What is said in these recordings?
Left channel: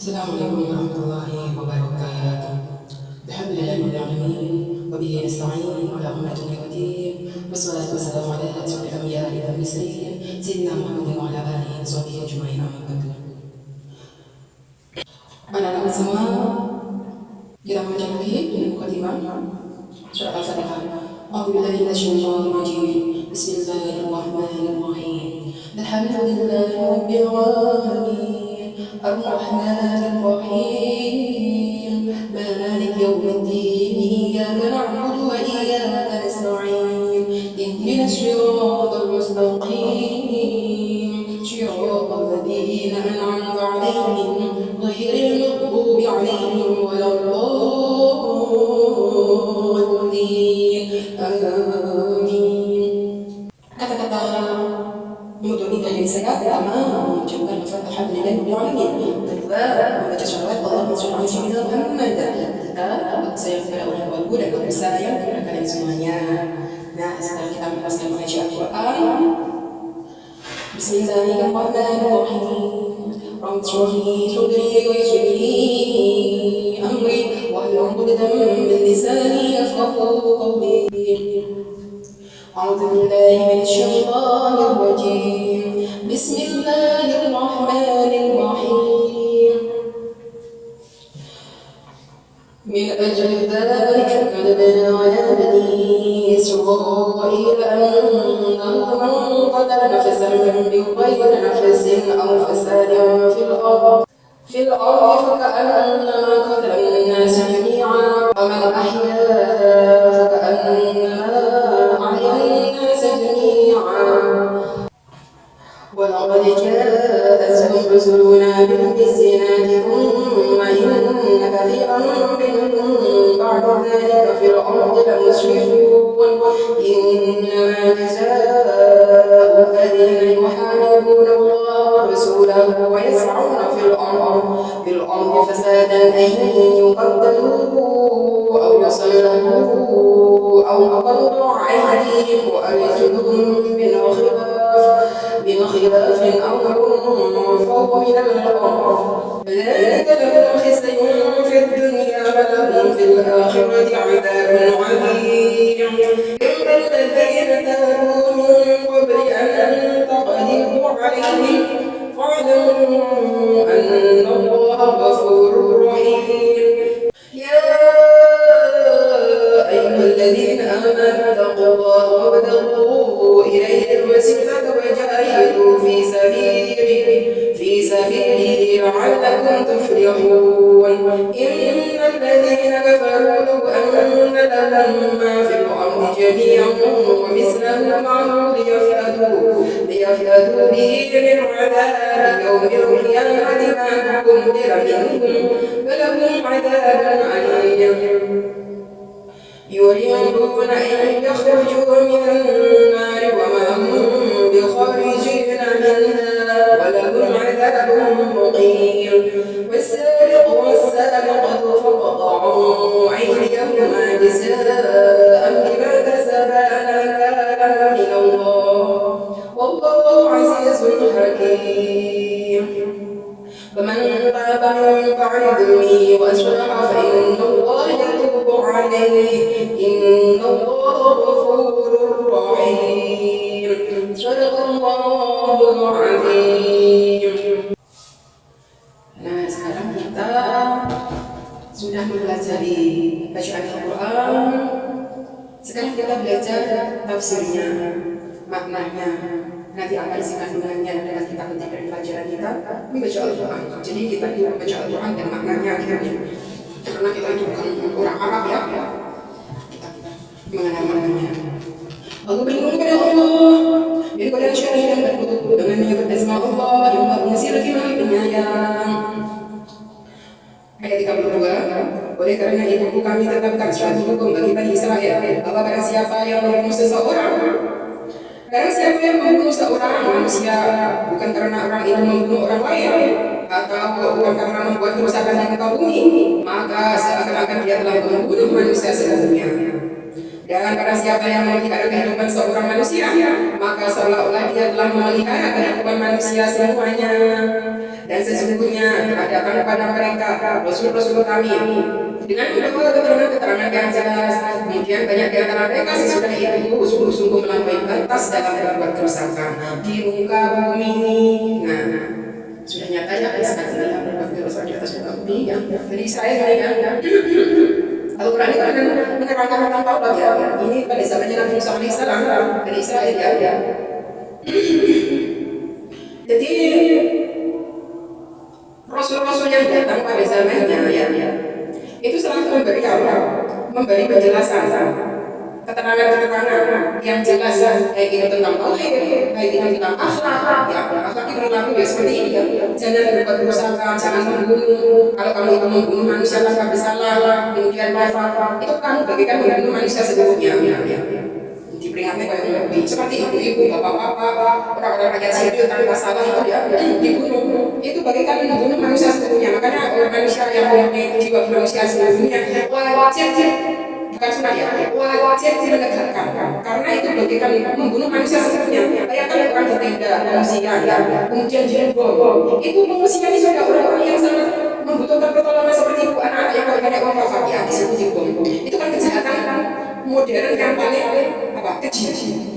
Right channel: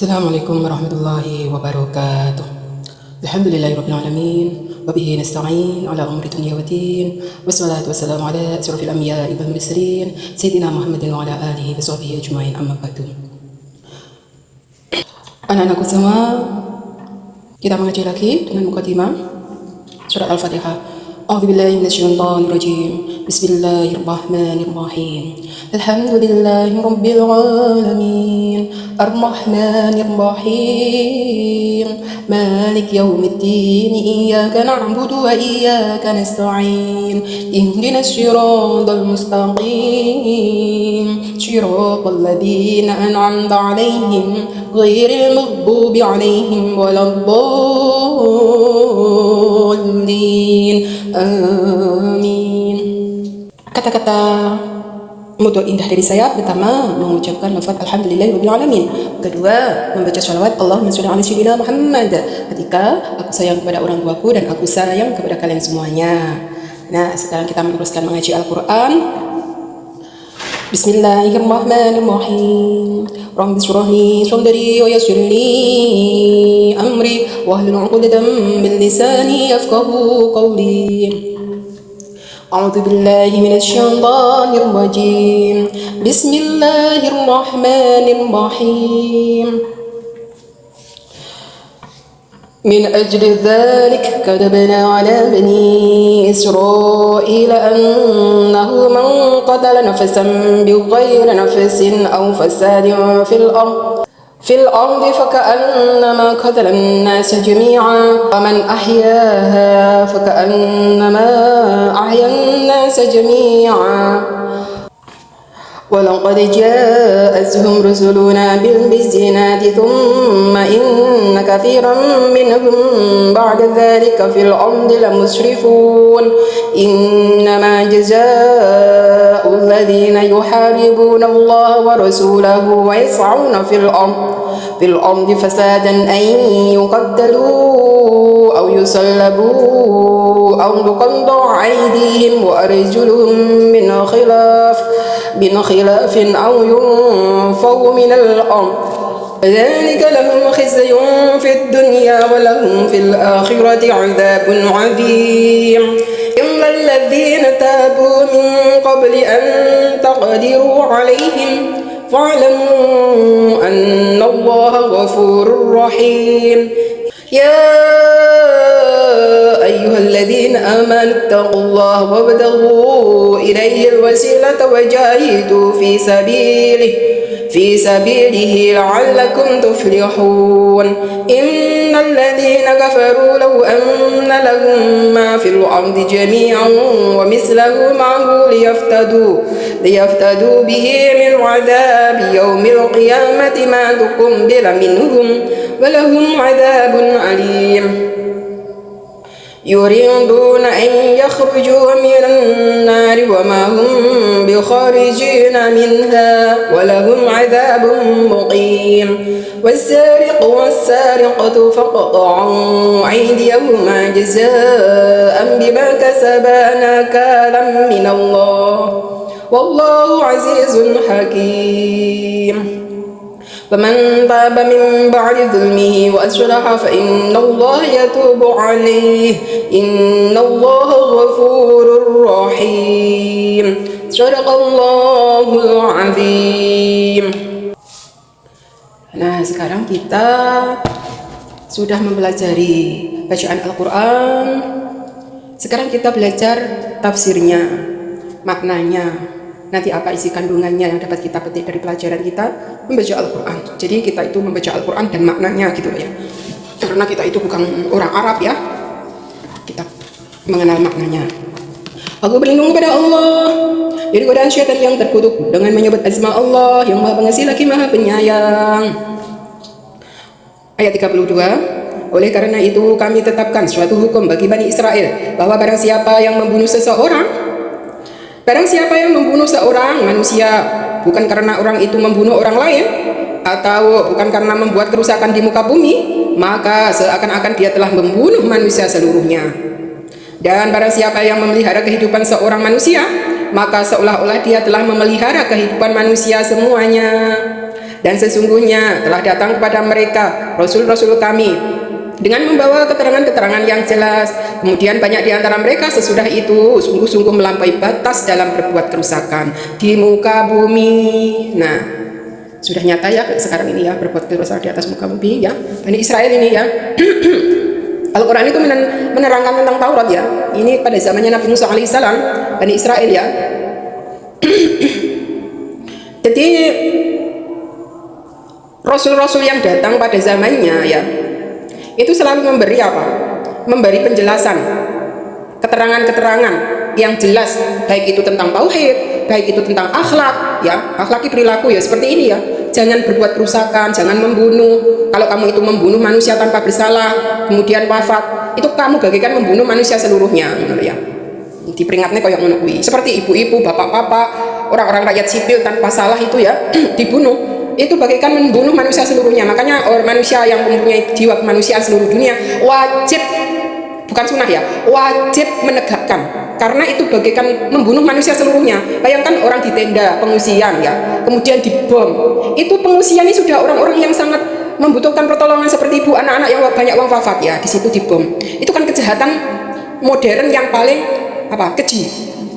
Assalamualaikum warahmatullahi wabarakatuh. Alhamdulillahirrahmanirrahim. Wabihi nasta'in ala umri dunia wa din. Wassalatu wassalamu ala asrafil anbiya'i wal mursalin Sayyidina Muhammadin wa ala alihi wa sahbihi ajma'in, amma ba'du. Anak-anakku semua, kita mengaji lagi dengan mukadimah surat Al-Fatihah. A'udzubillahi minasyaitonir rajim. Bismillahirrahmanirrahim. Alhamdulillahi rabbil alamin. Ar-Rahmanir Rahim. Malik yaumiddin. Iyyaka na'budu wa iyyaka nasta'in. Ihdinas siratal mustaqim. Siratal ladzina an'amta 'alaihim ghairil maghdubi 'alaihim waladdallin. Amin. Kata-kata mudah indah dari saya, pertama mengucapkan lafaz alhamdulillahirabbil alamin, kedua membaca shalawat Allahumma sholli ala sayyidina Muhammad ketika aku sayang kepada orang tuaku dan aku sayang kepada kalian semuanya. Nah, sekarang kita meneruskan mengaji Al-Qur'an. Bismillahirrahmanirrahim. Rabbi shrah li sadri wa yassir li amri wahlul 'uqdatam min lisani yafqahu qawli. A'udzu billahi minasy syaithanir rajim. Bismillahirrahmanirrahim. Min ajli dzalik katabna 'ala bani Israila annahu man qatala nafsan bighayri nafsin aw fasadin fil ardi faka'annama qatala an-nasa jami'an wa man ahyaha faka'annama ahya an-nasa jami'an. ولقد جاءتهم رسلنا بالبينات ثم إن كثيرا منهم بعد ذلك في الأرض لمسرفون إنما جزاء الذين يحاربون الله ورسوله ويسعون في الأرض فسادا أن يقتلوا أو يصلبوا أو تقطع أيديهم وأرجلهم من خلاف أو ينفوا من الأرض ذلك لهم خزي في الدنيا ولهم في الآخرة عذاب عظيم. إلا الذين تابوا من قبل أن تقدروا عليهم فاعلموا أن الله غفور رحيم. يا أيها الذين آمنوا اتقوا الله وابتغوا إليه الوسيلة وجاهدوا في سبيله لعلكم تفلحون. إن الذين كفروا لو أن لهم ما في الأرض جميعا ومثله معه ليفتدوا به من عذاب يوم القيامة ما تقبل منهم ولهم عذاب عليم. يريدون أن يخرجوا من النار وما هم بخارجين منها ولهم عذاب مقيم. والسارق والسارقة فاقطعوا أيديهما جزاء بما كسبا نكالا من الله والله عزيز حكيم. فمن تاب من بعد ظلمه وأصلح فإن الله يتوب عليه إن الله غفور رحيم. صدق Allahul Azim. Nah, sekarang kita sudah mempelajari bacaan Al-Quran. Sekarang kita belajar tafsirnya, maknanya. Nanti apa isi kandungannya yang dapat kita petik dari pelajaran kita membaca Al-Quran. Jadi kita itu membaca Al-Quran dan maknanya gitu ya. Karena kita itu bukan orang Arab ya, kita mengenal maknanya. Aku berlindung kepada Allah dari godaan syaitan yang terkutuk dengan menyebut asma Allah yang Maha Pengasih lagi Maha Penyayang. Ayat 32. Oleh karena itu kami tetapkan suatu hukum bagi Bani Israel bahwa barang siapa yang membunuh seorang manusia bukan karena orang itu membunuh orang lain atau bukan karena membuat kerusakan di muka bumi, maka seakan-akan dia telah membunuh manusia seluruhnya. Dan barang siapa yang memelihara kehidupan seorang manusia, maka seolah-olah dia telah memelihara kehidupan manusia semuanya. Dan sesungguhnya telah datang kepada mereka rasul-rasul kami dengan membawa keterangan-keterangan yang jelas. Kemudian banyak di antara mereka sesudah itu sungguh-sungguh melampaui batas dalam berbuat kerusakan di muka bumi. Nah, sudah nyata ya sekarang ini ya, berbuat kerusakan di atas muka bumi ya. Bani Israel ini ya. Al-Quran itu menerangkan tentang Taurat ya. Ini pada zamannya Nabi Musa alaihissalam, Bani Israel ya. Jadi rasul-rasul yang datang pada zamannya ya, itu selalu memberi apa? Memberi penjelasan, keterangan-keterangan yang jelas, baik itu tentang tauhid, baik itu tentang akhlak, ya, akhlaki perilaku ya seperti ini ya. Jangan berbuat kerusakan, jangan membunuh. Kalau kamu itu membunuh manusia tanpa bersalah, kemudian wafat, itu kamu bagaikan membunuh manusia seluruhnya, ya. Diperingatnya kayak menunggu. Seperti ibu-ibu, bapak-bapak, orang-orang rakyat sipil tanpa salah itu ya dibunuh. Itu bagaikan membunuh manusia seluruhnya. Makanya orang manusia yang mempunyai jiwa kemanusiaan seluruh dunia wajib, bukan sunnah ya, wajib menegakkan, karena itu bagaikan membunuh manusia seluruhnya. Bayangkan orang di tenda pengungsian ya, kemudian dibom. Itu pengungsian ini sudah orang-orang yang sangat membutuhkan pertolongan seperti ibu, anak-anak yang banyak orang wafat ya, di situ dibom. Itu kan kejahatan modern yang paling keji.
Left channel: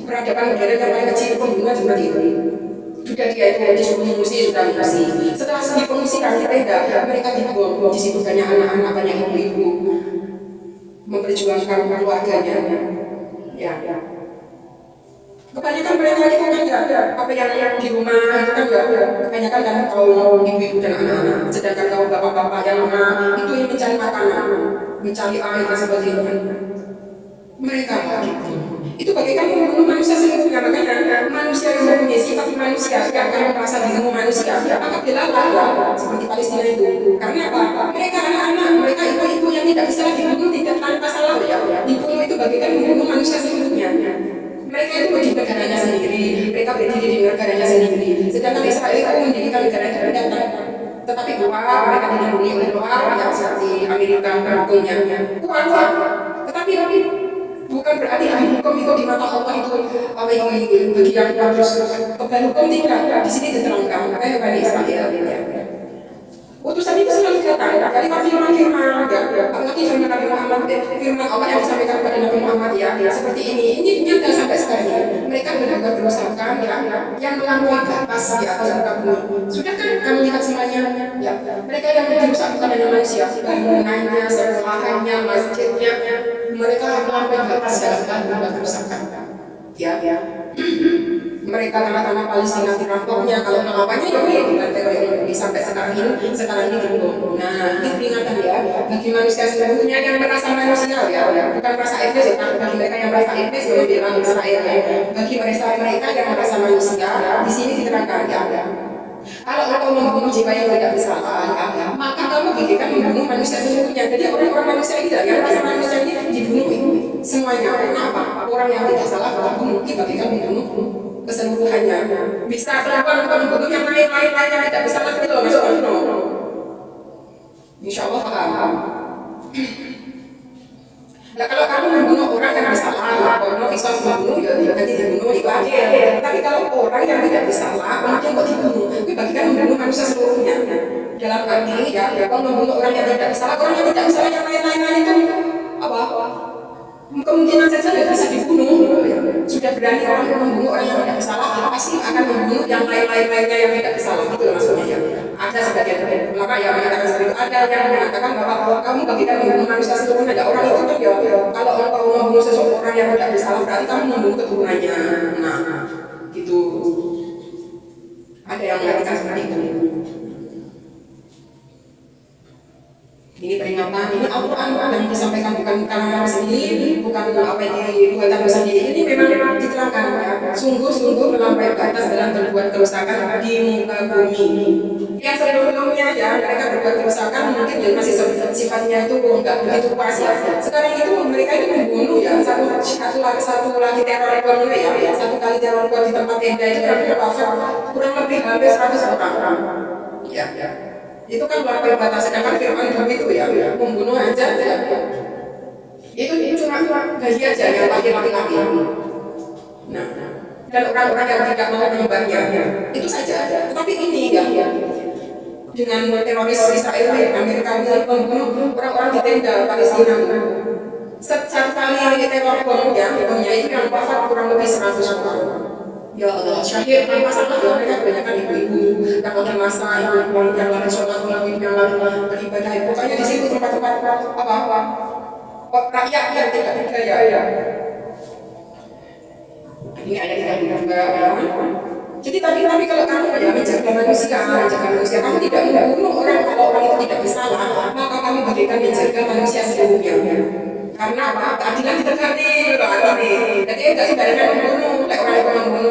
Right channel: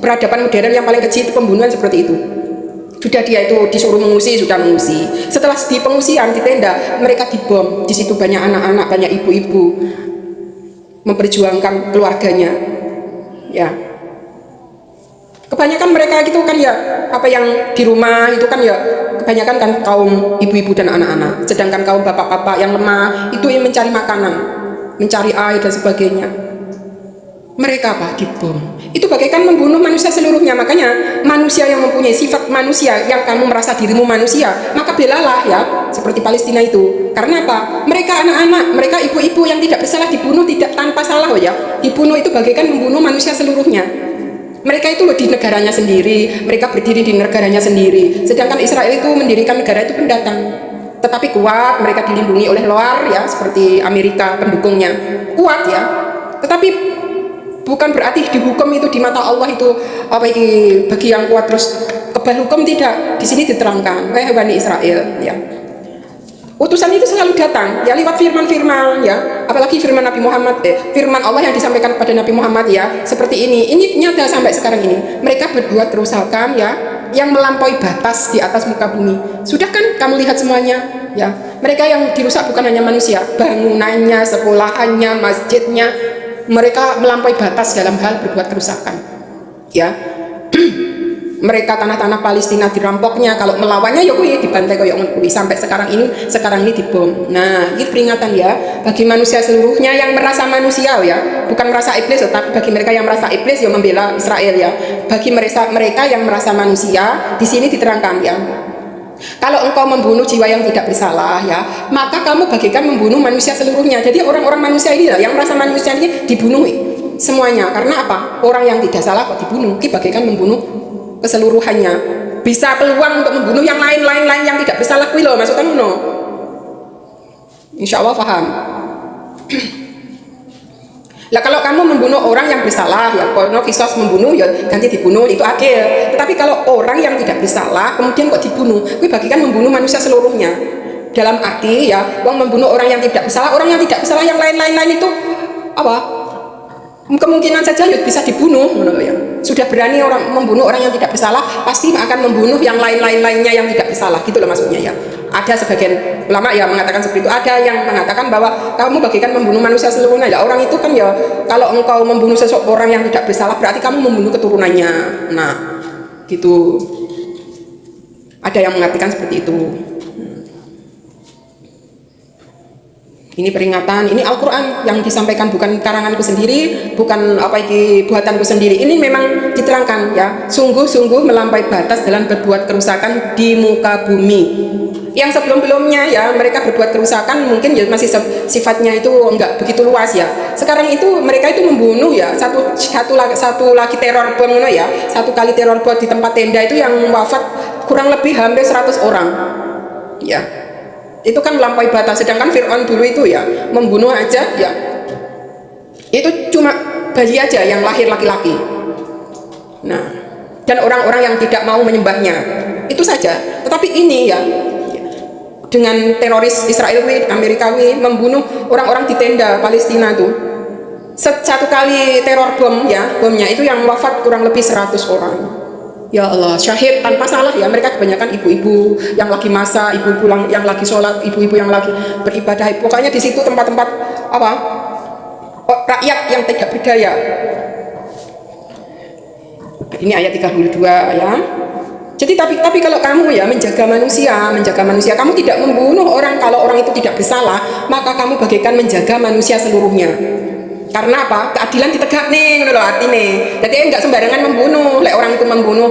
Peradaban modern yang paling keji itu pembunuhan seperti itu. Sudah dia itu disuruh mengungsi, sudah mengungsi. Setelah di pengungsian di tenda, mereka dibom. Di situ banyak anak-anak, banyak ibu-ibu memperjuangkan keluarganya. Ya. Kebanyakan mereka gitu kan ya, apa yang di rumah itu kan ya kebanyakan kan kaum ibu-ibu dan anak-anak. Sedangkan kaum bapak-bapak yang lemah itu yang mencari makanan, mencari air dan sebagainya. Mereka dibom. Itu bagaikan membunuh manusia seluruhnya. Makanya manusia yang mempunyai sifat manusia, yang kamu merasa dirimu manusia, maka belalah ya, seperti Palestina itu. Karena apa? Mereka anak-anak, mereka ibu-ibu yang tidak bersalah dibunuh tidak tanpa salah ya. Dibunuh itu bagaikan membunuh manusia seluruhnya. Mereka itu di negaranya sendiri, mereka berdiri di negaranya sendiri. Sedangkan Israel itu mendirikan negara itu pendatang. Tetapi kuat, mereka dilindungi oleh luar ya, seperti Amerika pendukungnya. Kuat ya. Tetapi bukan berarti dihukum itu di mata Allah itu bagi yang kuat terus kebal hukum, tidak. Di sini diterangkan kayak Bani Israel ya. Utusan itu selalu datang ya lewat firman-firman ya, apalagi firman Nabi Muhammad firman Allah yang disampaikan kepada Nabi Muhammad ya, seperti ini nyata sampai sekarang ini. Mereka berbuat kerusakan ya, yang melampaui batas di atas muka bumi. Sudah kan kamu lihat semuanya ya. Mereka yang dirusak bukan hanya manusia, bangunannya, sekolahannya, masjidnya. Mereka melampaui batas dalam hal berbuat kerusakan ya. Mereka tanah-tanah Palestina dirampoknya, kalau melawannya ya dibantai kayak sampai sekarang ini dibom. Nah, ini peringatan ya bagi manusia seluruhnya yang merasa manusia ya, bukan merasa iblis, tapi bagi mereka yang merasa iblis ya membela Israel ya. Bagi mereka yang merasa manusia, di sini diterangkan ya. Kalau engkau membunuh jiwa yang tidak bersalah ya, maka kamu bagaikan membunuh manusia seluruhnya. Jadi orang-orang manusia ini lah yang merasa manusia ini dibunuh semuanya. Karena apa? Orang yang tidak salah kok dibunuh, itu bagaikan membunuh keseluruhannya. Bisa peluang untuk membunuh yang lain-lain yang tidak bersalah kuwi lho, maksud kamu no? Insya Allah paham. Lah kalau kamu membunuh orang yang bersalah ya, kalau kisos membunuh ya ganti dibunuh, itu adil. Tapi kalau orang yang tidak bersalah kemudian kok dibunuh, itu bagikan membunuh manusia seluruhnya. Dalam arti ya, membunuh orang yang tidak bersalah, orang yang tidak bersalah yang lain-lain itu kemungkinan saja bisa dibunuh, ya. Sudah berani orang membunuh orang yang tidak bersalah, pasti akan membunuh yang lainnya yang tidak bersalah, gitu loh maksudnya ya. Ada sebagian ulama yang mengatakan seperti itu, ada yang mengatakan bahwa kamu bagikan membunuh manusia seluruhnya. Ya, orang itu kan ya, kalau engkau membunuh seseorang yang tidak bersalah berarti kamu membunuh keturunannya. Nah, gitu. Ada yang mengatakan seperti itu. Ini peringatan, ini Al-Quran yang disampaikan, bukan karanganku sendiri, bukan buatanku sendiri. Ini memang diterangkan ya, sungguh-sungguh melampaui batas dalam berbuat kerusakan di muka bumi. Yang sebelum-sebelumnya ya mereka berbuat kerusakan mungkin ya masih sifatnya itu enggak begitu luas ya. Sekarang itu mereka itu membunuh ya, satu lagi teror bom ya, satu kali teror bom di tempat tenda itu yang wafat kurang lebih hampir 100 orang. Ya. Itu kan melampaui batas. Sedangkan Fir'aun dulu itu ya membunuh aja ya, itu cuma bayi aja yang lahir laki-laki. Nah, dan orang-orang yang tidak mau menyembahnya, itu saja. Tetapi ini ya dengan teroris Israel, Amerika membunuh orang-orang di tenda Palestina tuh. Satu kali teror bomnya itu yang wafat kurang lebih 100 orang. Ya Allah, syahid tanpa salah ya. Mereka kebanyakan ibu-ibu yang lagi masak, ibu-ibu yang lagi sholat, ibu-ibu yang lagi beribadah. Pokoknya di situ tempat-tempat rakyat yang tidak berdaya. Ini ayat 32 ya. Jadi tapi kalau kamu ya menjaga manusia, kamu tidak membunuh orang kalau orang itu tidak bersalah, maka kamu bagaikan menjaga manusia seluruhnya. Karena apa? Keadilan ditegak nih, loh artinya. Jadi enggak sembarangan membunuh. Lek orang itu membunuh,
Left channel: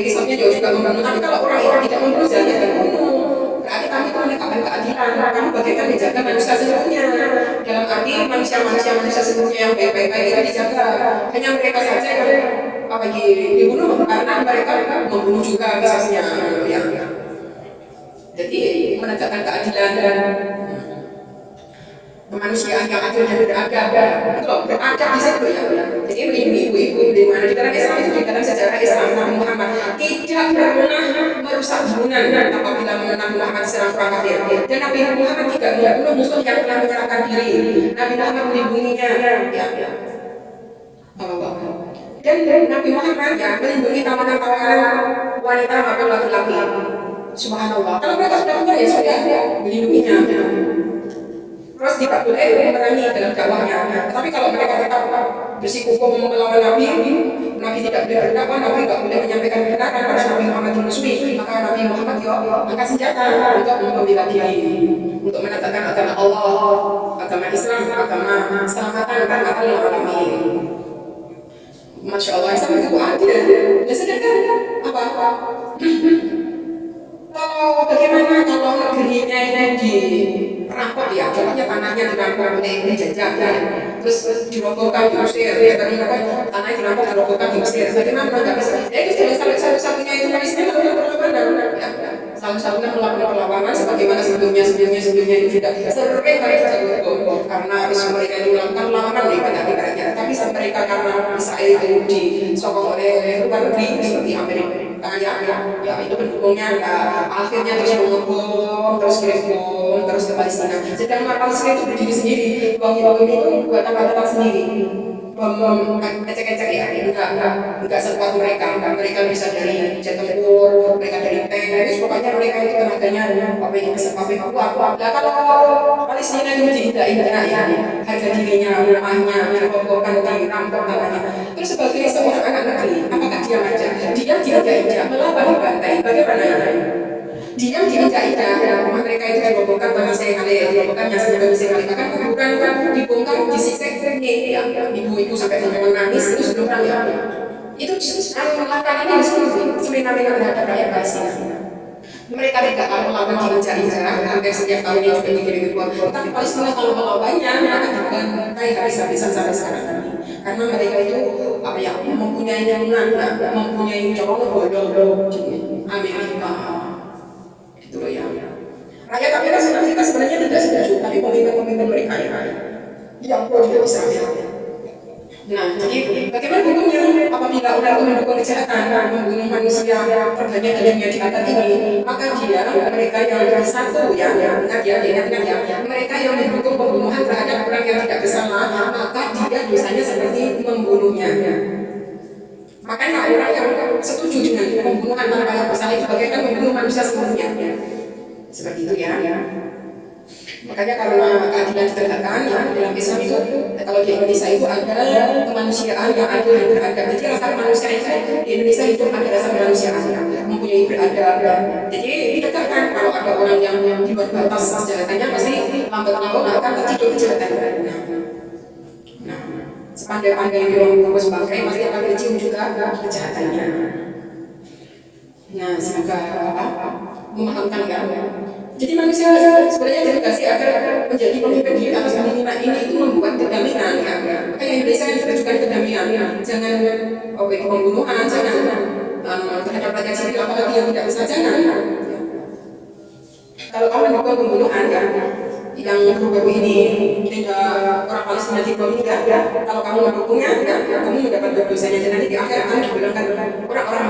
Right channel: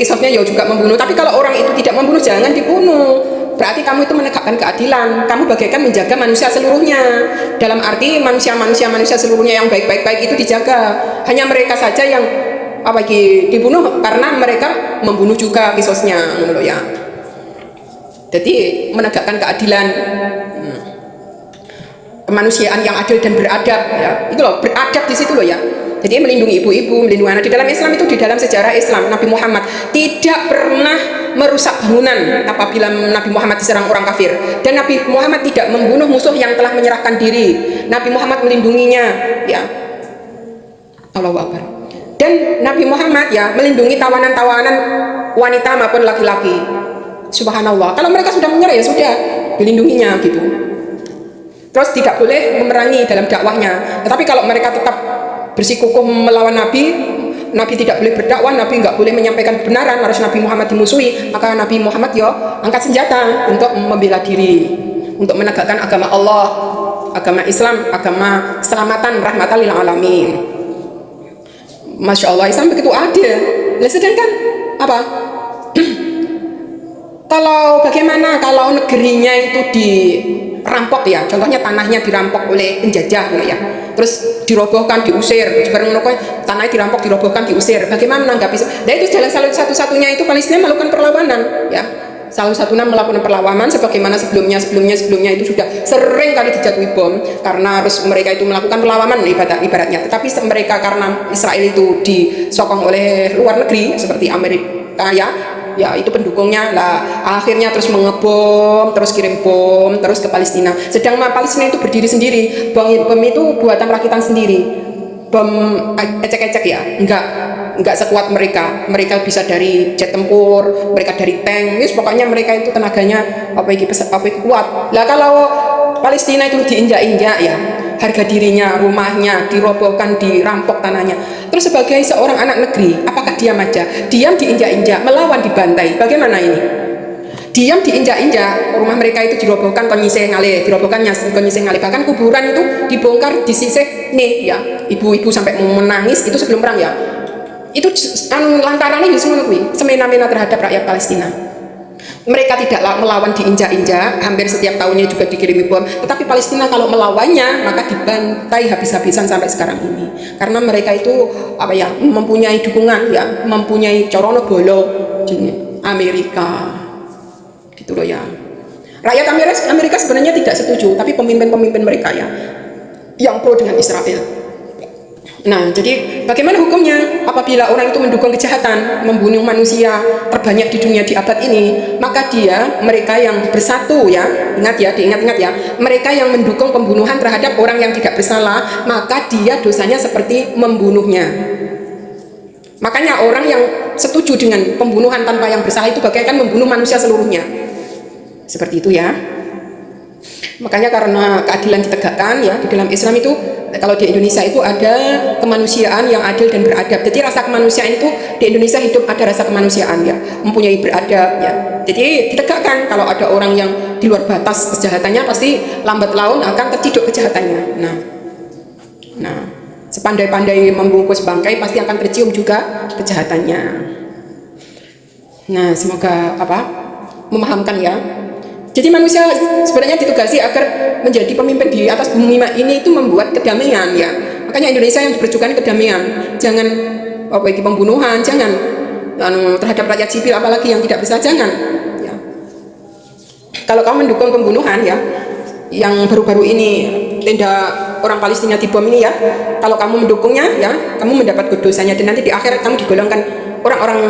kisahnya ya juga membunuh. Tapi kalau orang itu tidak membunuh, jangan dibunuh. Berarti kamu itu menegakkan keadilan. Kamu bagaikan menjaga manusia seluruhnya. Dalam arti manusia seluruhnya yang baik-baik itu dijaga. Hanya mereka saja yang dibunuh karena mereka membunuh juga kisosnya, ya. Jadi menegakkan keadilan. Kemanusiaan yang adil dan beradab, ya. Itu loh, beradab di situ loh ya. Jadi melindungi ibu-ibu, melindungi anak. Di dalam Islam itu, di dalam sejarah Islam, Nabi Muhammad tidak pernah merusak bangunan apabila Nabi Muhammad diserang orang kafir. Dan Nabi Muhammad tidak membunuh musuh yang telah menyerahkan diri. Nabi Muhammad melindunginya, ya. Allahu Akbar. Dan Nabi Muhammad ya melindungi tawanan-tawanan wanita maupun laki-laki. Subhanallah. Kalau mereka sudah menyerah ya sudah dilindunginya gitu. Terus tidak boleh memerangi dalam dakwahnya. Tetapi kalau mereka tetap bersikukuh melawan Nabi tidak boleh berdakwah, Nabi nggak boleh menyampaikan kebenaran, harus Nabi Muhammad dimusuhi. Maka Nabi Muhammad angkat senjata untuk membela diri, untuk menegakkan agama Allah, agama Islam, agama keselamatan, rahmatan lil alamin. Masya Allah, Islam begitu adil. Nah, sedangkan apa? Bagaimana kalau negerinya itu dirampok ya, contohnya tanahnya dirampok oleh penjajah ya, terus dirobohkan, diusir, tanahnya dirampok, dirobohkan, diusir. Bagaimana menanggapi? Nah itu jalan satu-satunya itu Palestina melakukan perlawanan ya. Salah satunya melakukan perlawanan sebagaimana sebelumnya itu sudah sering kali dijatuhi bom karena harus mereka itu melakukan perlawanan ibaratnya. Tapi mereka karena Israel itu disokong oleh luar negeri seperti Amerika ya itu pendukungnya lah, akhirnya terus mengebom, terus kirim bom terus ke Palestina. Sedangkan Palestina itu berdiri sendiri, bom itu buatan rakitan sendiri. Bom ecek-ecek ya, enggak sekuat mereka bisa dari jet tempur, mereka dari tank, pokoknya mereka itu tenaganya kuat. Lah kalau Palestina itu diinjak-injak ya, harga dirinya, rumahnya dirobohkan, dirampok tanahnya. Terus sebagai seorang anak negeri, apakah diam aja? Diam diinjak-injak, melawan dibantai, bagaimana ini? Diam diinjak-injak, rumah mereka itu dirobohkan, konyiseh ngalih, bahkan kuburan itu dibongkar, disisih nih ya, ibu-ibu sampai menangis itu sebelum perang ya. Itu lantaran ini semena-mena terhadap rakyat Palestina. Mereka tidak melawan diinjak-injak, hampir setiap tahunnya juga dikirimi bom. Tetapi Palestina kalau melawannya maka dibantai habis-habisan sampai sekarang ini. Karena mereka itu mempunyai dukungan ya, mempunyai corono bolo di Amerika. Gitu loh ya. Rakyat Amerika sebenarnya tidak setuju, tapi pemimpin-pemimpin mereka ya yang pro dengan Israel. Nah, jadi bagaimana hukumnya apabila orang itu mendukung kejahatan, membunuh manusia terbanyak di dunia di abad ini, maka mereka yang bersatu ya, diingat-ingat ya, mereka yang mendukung pembunuhan terhadap orang yang tidak bersalah, maka dia dosanya seperti membunuhnya. Makanya orang yang setuju dengan pembunuhan tanpa yang bersalah itu bagaikan membunuh manusia seluruhnya. Seperti itu ya. Makanya karena keadilan ditegakkan ya di dalam Islam itu, kalau di Indonesia itu ada kemanusiaan yang adil dan beradab. Jadi rasa kemanusiaan itu di Indonesia hidup ada rasa kemanusiaan ya, mempunyai beradab ya. Jadi ditegakkan kalau ada orang yang di luar batas kejahatannya pasti lambat laun akan terciduk kejahatannya. Nah, sepandai-pandai membungkus bangkai pasti akan tercium juga kejahatannya. Nah, semoga memahamkan ya. Jadi manusia sebenarnya ditugasi agar menjadi pemimpin di atas bumi ini itu membuat kedamaian ya. Makanya Indonesia yang diperjuangkan kedamaian, jangan pembunuhan, jangan terhadap rakyat sipil apalagi yang tidak bisa, jangan. Ya. Kalau kamu mendukung pembunuhan ya, yang baru-baru ini tenda orang Palestina dibom ini ya, kalau kamu mendukungnya ya, kamu mendapat dosanya dan nanti di akhirat kamu digolongkan orang-orang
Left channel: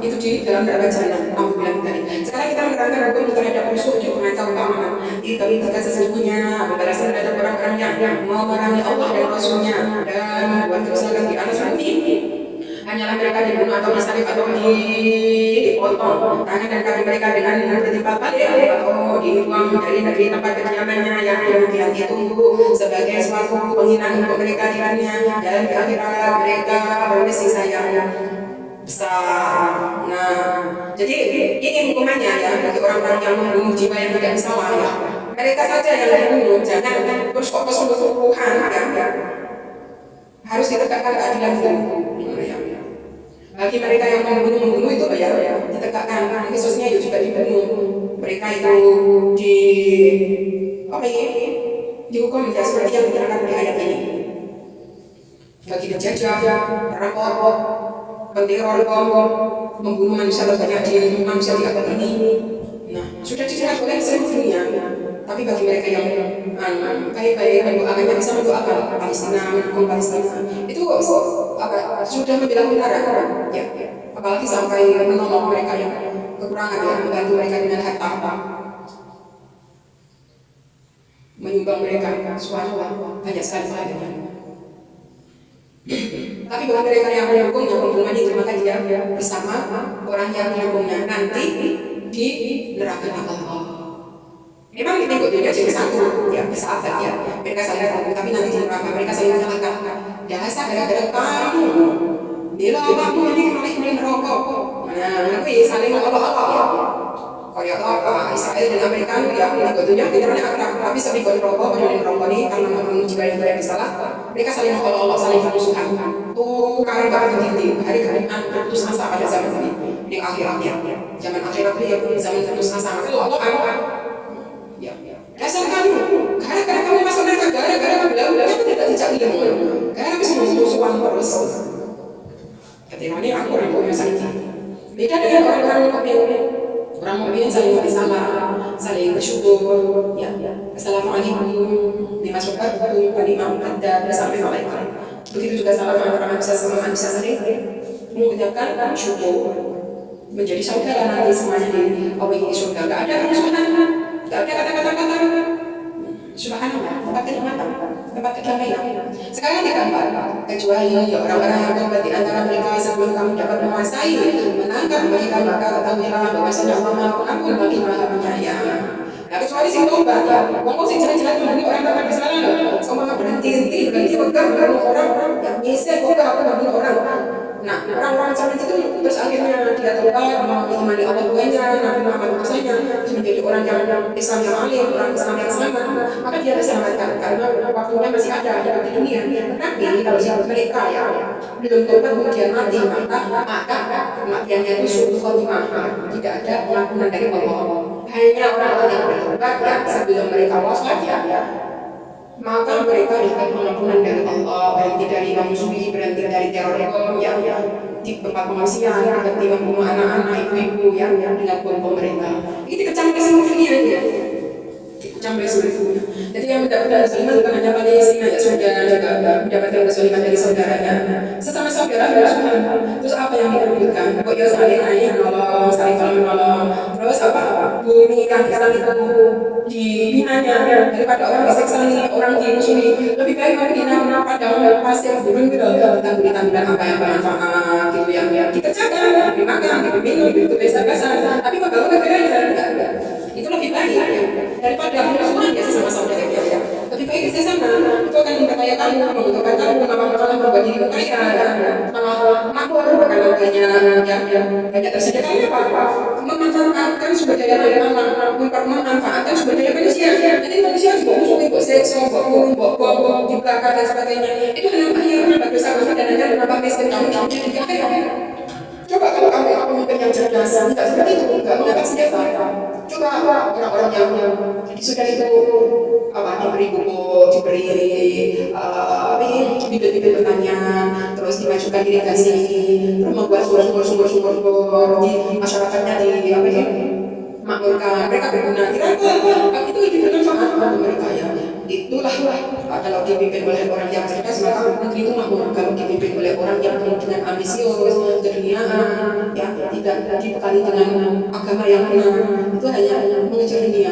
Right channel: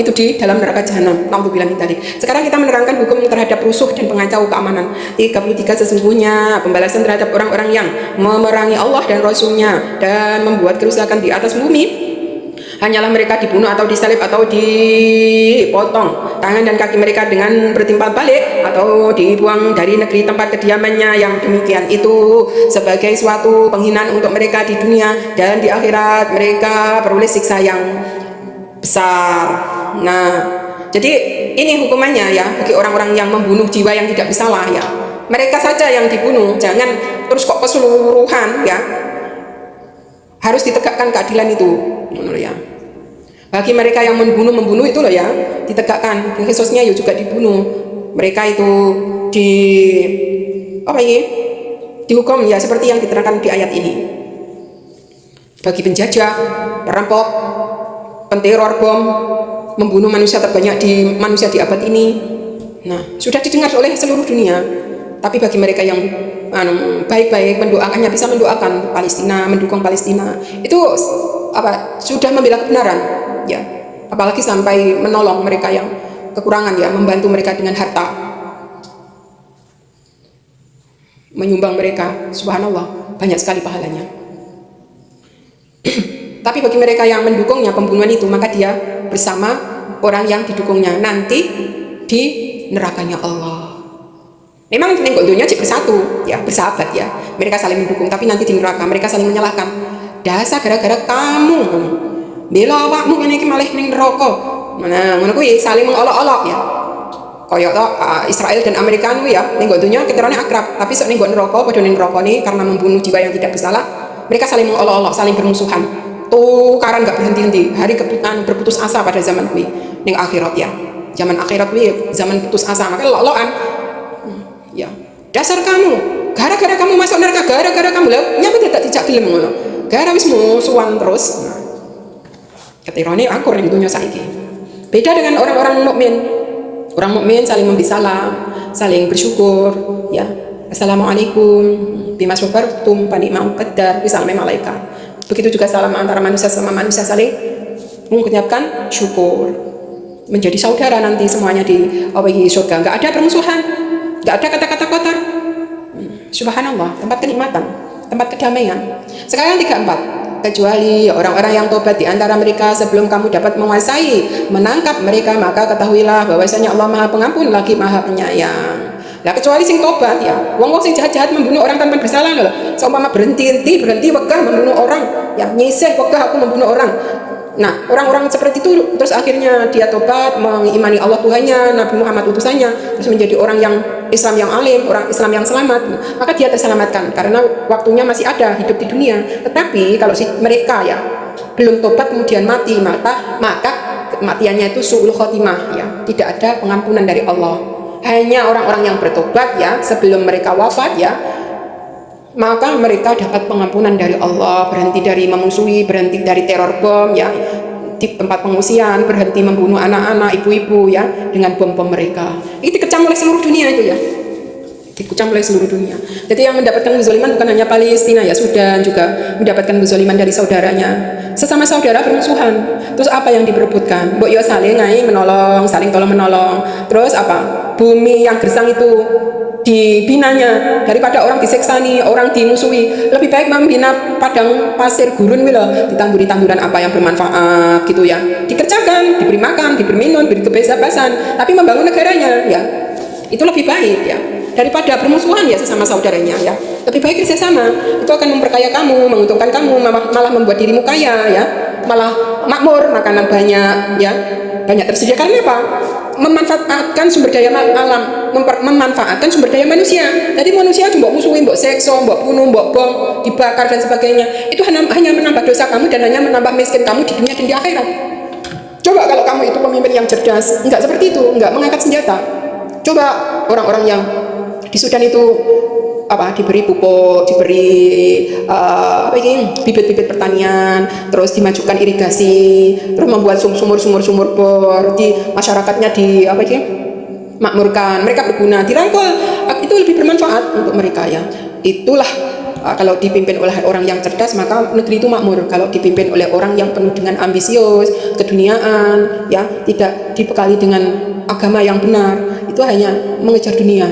itu di dalam neraka jahanam. Nauzubillah tadi. Sekarang kita menerangkan hukum terhadap rusuh dan pengacau keamanan. 33 sesungguhnya pembalasan terhadap orang-orang yang memerangi Allah dan Rasulnya dan membuat kerusakan di atas bumi hanyalah mereka dibunuh atau disalib atau dipotong tangan dan kaki mereka dengan bertimpal balik atau dibuang dari negeri tempat kediamannya, yang demikian itu sebagai suatu penghinaan untuk mereka di dunia, dan di akhirat mereka peroleh siksa yang besar. Nah, jadi ini hukumannya ya bagi orang-orang yang membunuh jiwa yang tidak bersalah ya. Mereka saja yang dibunuh, jangan terus kok keseluruhan ya. Harus ditegakkan keadilan itu, ya. Bagi mereka yang membunuh itu loh ya, ditegakkan. Khususnya ya juga dibunuh. Mereka itu dihukum ya seperti yang diterangkan di ayat ini. Bagi penjajah, perampok, penteror bom, membunuh manusia terbanyak di abad ini. Nah, sudah didengar oleh seluruh dunia. Tapi bagi mereka yang baik-baik mendoakannya, bisa mendoakan Palestina, mendukung Palestina, itu sudah membela kebenaran ya. Apalagi sampai menolong mereka yang kekurangan ya, membantu mereka dengan harta, menyumbang mereka, subhanallah, banyak sekali pahalanya. Tapi bagi mereka yang mendukungnya pembunuhan itu, maka dia bersama orang yang didukungnya nanti di nerakanya Allah. Memang nengok dunia jadi bersatu ya, bersahabat ya. Mereka saling mendukung, tapi nanti di neraka mereka saling menyalahkan. Dasar gara-gara kamu bela awakmu kene iki malah ning neraka. Nah, ngono kuwi saling mengolok-olok ya. Kaya to Israel dan Amerika kuwi ya, nengok dunia ketirane akrab, tapi sok nengok neraka padha ning neraka nih karena membunuh jiwa yang tidak bersalah. Mereka saling mengolok-olok, saling bermusuhan. Tukaran enggak berhenti-henti. Hari berputus asa pada zaman kuwi ning akhirat ya. Zaman akhirat kuwi zaman putus asa, maka lok-lokan. Ya, dasar kamu, gara-gara kamu masuk neraka, gara-gara kamu lah, nyapa tidak dijak film ngono. Gara wis musuhan terus. Ketirane akur ning dunya saiki. Beda dengan orang-orang mukmin. Orang mukmin saling memberi salam, saling bersyukur, ya. Assalamualaikum, bima sabartum, panikmam qadar, bisalami malaikat. Begitu juga salam antara manusia sama manusia, saling mengucapkan syukur. Menjadi saudara nanti semuanya di surga. Enggak ada permusuhan. Tidak ada kata-kata kotor. Subhanallah, tempat kenikmatan, tempat kedamaian. Sekarang 34. Kecuali orang-orang yang tobat di antara mereka sebelum kamu dapat menguasai, menangkap mereka, maka ketahuilah bahwasanya Allah Maha Pengampun lagi Maha Penyayang. Nah, kecuali sing tobat ya. Wong sing jahat-jahat membunuh orang tanpa bersalah lho. Seumpama berhenti wegah membunuh orang, ya nyisih wegah aku membunuh orang. Nah, orang-orang seperti itu terus akhirnya dia tobat, mengimani Allah Tuhannya, Nabi Muhammad utusannya, terus menjadi orang yang Islam yang alim, orang Islam yang selamat, maka dia terselamatkan karena waktunya masih ada hidup di dunia. Tetapi kalau mereka ya belum tobat kemudian mati, maka kematiannya itu suul khotimah ya, tidak ada pengampunan dari Allah. Hanya orang-orang yang bertobat ya sebelum mereka wafat ya, maka mereka dapat pengampunan dari Allah, berhenti dari memusuhi, berhenti dari teror bom ya di tempat pengungsian, berhenti membunuh anak-anak, ibu-ibu ya dengan bom-bom mereka. Itu dikecam oleh seluruh dunia itu ya, dikecam oleh seluruh dunia. Jadi yang mendapatkan kezaliman bukan hanya Palestina ya, Sudan juga mendapatkan kezaliman dari saudaranya, sesama saudara bermusuhan. Terus apa yang diperebutkan? Mbok yo saling menolong, saling tolong menolong. Terus apa? Bumi yang gersang itu dibinanya daripada orang diseksani, orang dimusuhi. Lebih baik membina padang pasir gurun gitu, ditamburi tanduran apa yang bermanfaat gitu ya. Dikerjakan, diberi makan, diberi minum, diberi kebebasan, tapi membangun negaranya ya. Itu lebih baik ya daripada permusuhan ya sesama saudaranya ya. Lebih baik kerjasama, itu akan memperkaya kamu, menguntungkan kamu, malah membuat dirimu kaya ya, malah makmur, makanan banyak ya, banyak tersedia. Karena apa? Memanfaatkan sumber daya alam, memanfaatkan sumber daya manusia. Jadi manusia coba musuhin, mbok sekso, mbok bunuh, mbok bom, dibakar dan sebagainya. Itu hanya menambah dosa kamu dan hanya menambah miskin kamu di dunia dan di akhirat. Coba kalau kamu itu pemimpin yang cerdas, enggak seperti itu, enggak mengangkat senjata. Coba orang-orang yang di Sudan itu diberi pupuk, diberi bibit-bibit pertanian, terus dimajukan irigasi, terus membuat sumur-sumur bor di masyarakatnya makmurkan, mereka berguna, dirangkul, itu lebih bermanfaat untuk mereka ya. Itulah kalau dipimpin oleh orang yang cerdas maka negeri itu makmur. Kalau dipimpin oleh orang yang penuh dengan ambisius, keduniaan, ya tidak dibekali dengan agama yang benar, itu hanya mengejar dunia,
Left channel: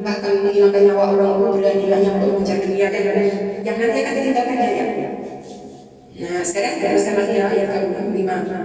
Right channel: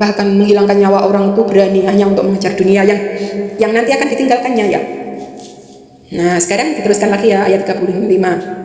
bahkan menghilangkan nyawa orang itu berani hanya untuk mengejar dunia yang nanti akan ditinggalkannya ya. Nah sekarang diteruskan lagi ya ayat 35.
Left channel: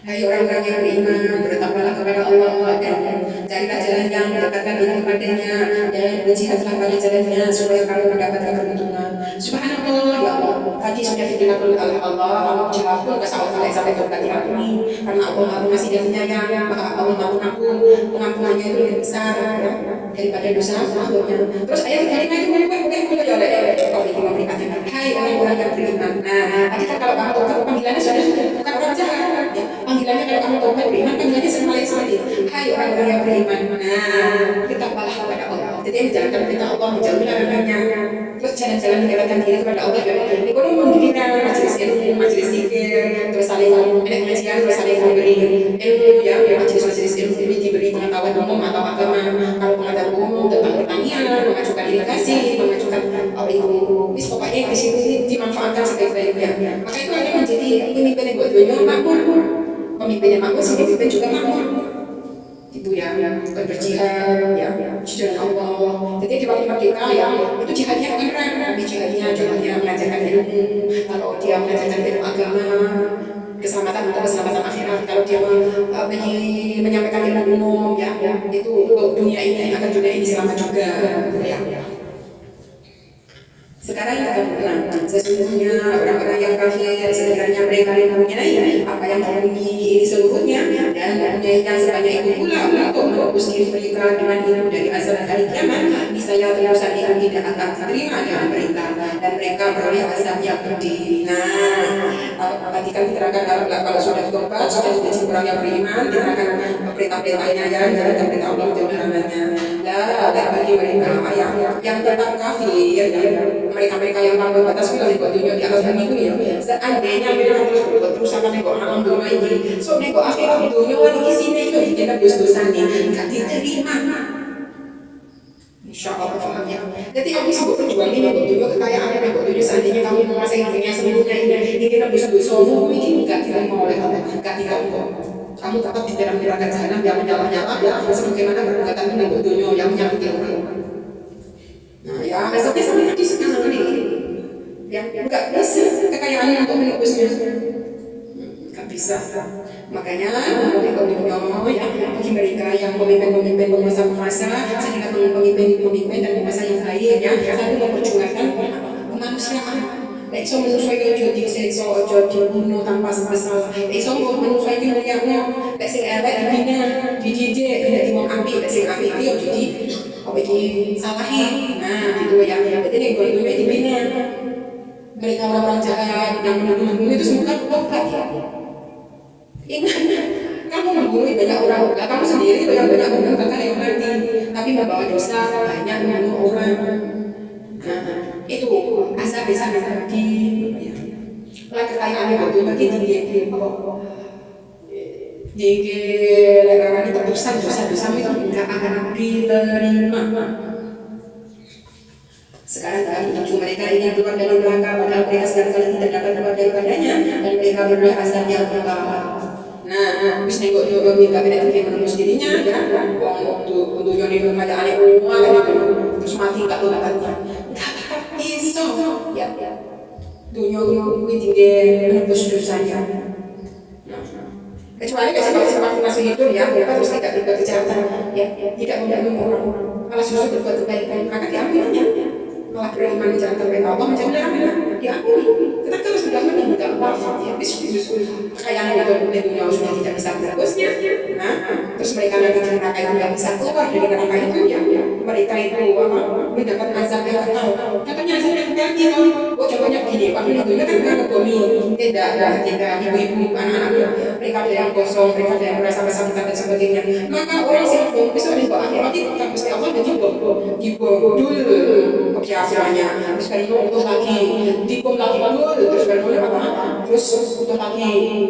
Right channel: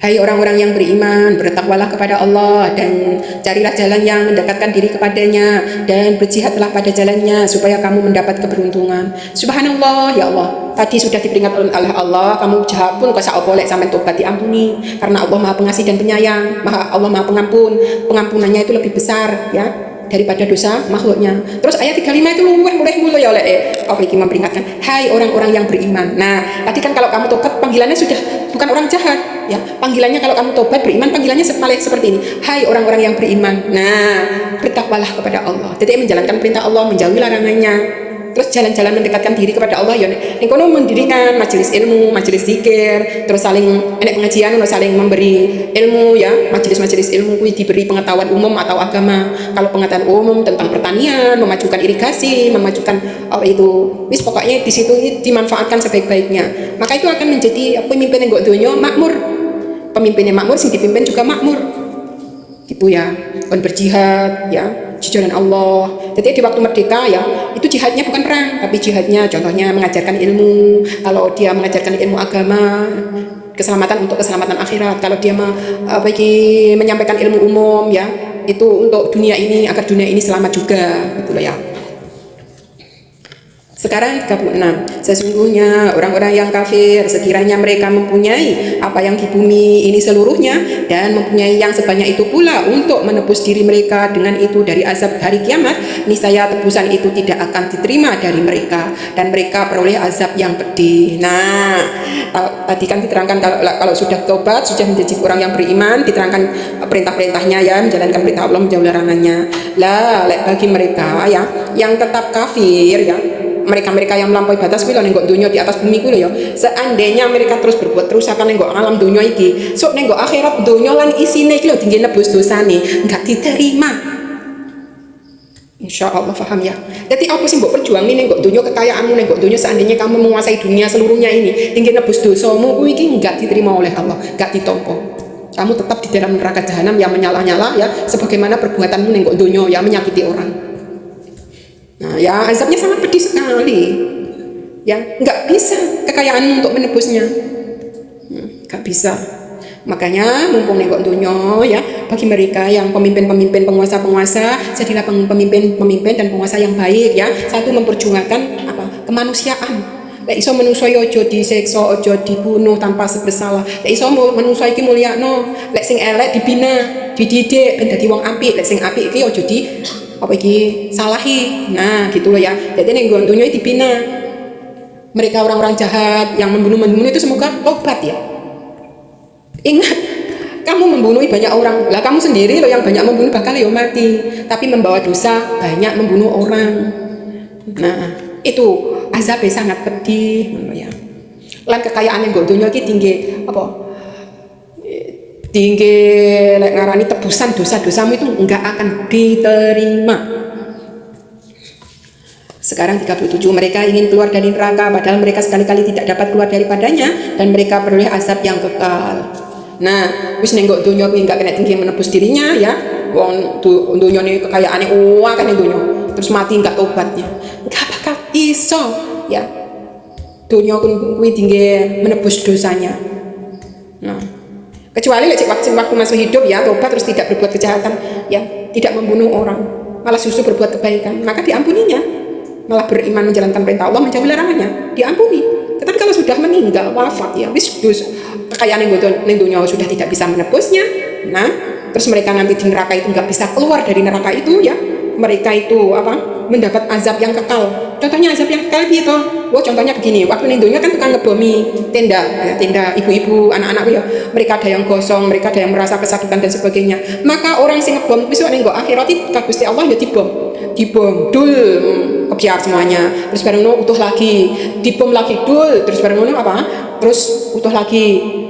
Hai orang-orang yang beriman, bertakwalah kepada Allah dan carilah jalan yang mendekatkan diri kepadanya dan berjihadlah pada jalannya supaya kamu mendapat keberuntungan. Subhanallah, ya Allah. Tadi sudah diperingatkan oleh Allah, kamu jahat pun kasa boleh sampai tobat diampuni karena Allah Maha Pengasih dan Penyayang, Allah Maha Pengampun. Pengampunannya itu lebih besar ya daripada dosa makhluknya. Terus ayat 35 itu mulai ya oleh Allah ini memperingatkan, hai orang-orang yang beriman. Nah, tadi kan kalau kamu tobat panggilannya sudah bukan orang jahat, ya. Panggilannya kalau kamu tobat beriman panggilannya seperti ini. Hai orang-orang yang beriman. Nah, bertakwalah kepada Allah. Jadi menjalankan perintah Allah, menjauhi larangannya. Terus jalan-jalan mendekatkan diri kepada Allah ya. Ekonomi mendirikan majelis ilmu, majelis zikir, terus saling pengajian, saling memberi ilmu ya. Majelis-majelis ilmu diberi pengetahuan umum atau agama. Kalau pengetahuan umum tentang pertanian, memajukan irigasi, memajukan apa itu, wis pokoknya di situ dimanfaatkan sebaik-baiknya. Maka itu akan menjadi pemimpin yang gak dunia makmur. Pemimpin yang makmur sih dipimpin juga makmur. Gitu ya. Dan berjihad ya di jalan Allah. Jadi di waktu merdeka ya itu jihadnya bukan perang, tapi jihadnya contohnya mengajarkan ilmu. Kalau dia mengajarkan ilmu agama, keselamatan untuk keselamatan akhirat. Kalau dia menyampaikan ilmu umum ya itu untuk dunia ini agar dunia ini selamat juga gitu ya. Sekarang 36. Sesungguhnya orang-orang yang kafir sekiranya mereka mempunyai apa yang di bumi ini seluruhnya dan mempunyai yang sebanyak itu pula untuk menebus diri mereka dengan itu dari azab hari kiamat, niscaya tebusan itu tidak akan diterima dari mereka dan mereka peroleh azab yang pedih. Nah, tadi kan diterangkan kalau sudah tobat, sudah menjadi orang yang beriman, diterangkan perintah-perintahnya ya, menjalankan perintah Allah, menjauhi larangannya. Lah, bagi mereka ya yang tetap kafir ya, mereka yang melampaui batas kuwi lho ning dunia di atas bumi kuwi lho ya. Seandainya mereka terus berbuat terus akan ning alam dunia iki, sok ning akhirat dunia lan isine iki lho tinggi nebus dosane, enggak diterima. Insya Allah paham ya. Jadi apa sih mbok perjuangin ning dunia kekayaanmu ning dunia seandainya kamu menguasai dunia seluruhnya ini, tinggi nebus dosamu kuwi iki enggak diterima oleh Allah, enggak ditompo. Kamu tetap di dalam neraka jahanam yang menyala-nyala ya, sebagaimana perbuatanmu ning dunia yang menyakiti orang. Nah, ya azabnya sangat pedih sekali. Ya, nggak bisa kekayaanmu untuk menebusnya. Nggak bisa. Makanya mumpung nek dunia ya, bagi mereka yang pemimpin-pemimpin, penguasa-penguasa, jadilah pemimpin-pemimpin dan penguasa yang baik ya. Satu memperjuangkan kemanusiaan. Lek iso menungso ojo disiksa, ojo dibunuh tanpa bersalah. Lek iso menungso iki mulyakno, lek sing elek dibina, dididik ben dadi wong apik, lek sing apik iki ojo salahi. Nah gitu loh ya. Jadi ning dunia dibina. Mereka orang-orang jahat yang membunuh itu semoga tobat ya. Ingat, kamu membunuh banyak orang, lah kamu sendiri loh yang banyak membunuh bakal ya mati. Tapi membawa dosa banyak membunuh orang. Nah itu azabnya sangat pedih ya. Lan kekayaan yang dunia iki tinggi tinggi ngarani tebusan dosa-dosamu itu enggak akan diterima. Sekarang 37, mereka ingin keluar dari neraka padahal mereka sekali-kali tidak dapat keluar daripadanya dan mereka peroleh azab yang kekal. Nah, wis nenggok dunia iki enggak kena tinggi menebus dirinya ya. Wong dunia ini kekayaane akeh ning dunia. Terus mati enggak tobatnya. Enggak bakal iso ya. Dunia kuwi tinggi menebus dosanya. Nah, kecuali waktu masih hidup ya tobat terus tidak berbuat kejahatan ya, tidak membunuh orang, malah justru berbuat kebaikan, maka diampuninya, malah beriman menjalankan perintah Allah, menjauhi larangannya, diampuni. Tetapi kalau sudah meninggal wafat ya wis kekayaan yang dunia sudah tidak bisa menebusnya. Nah terus mereka nanti di neraka itu nggak bisa keluar dari neraka itu ya, mereka itu mendapat azab yang kekal. Contohnya azab yang kekal gitu. Contohnya begini, waktu ning dunia kan tukang ngebomi tenda ibu-ibu, anak-anak ya. Mereka ada yang gosong, mereka ada yang merasa kesakitan dan sebagainya. Maka orang yang ngebom besok ning akhirat itu Gusti Allah ya dibom dul kebiar semuanya. Terus bareng utuh lagi, dibom lagi dul, terus bareng terus utuh lagi,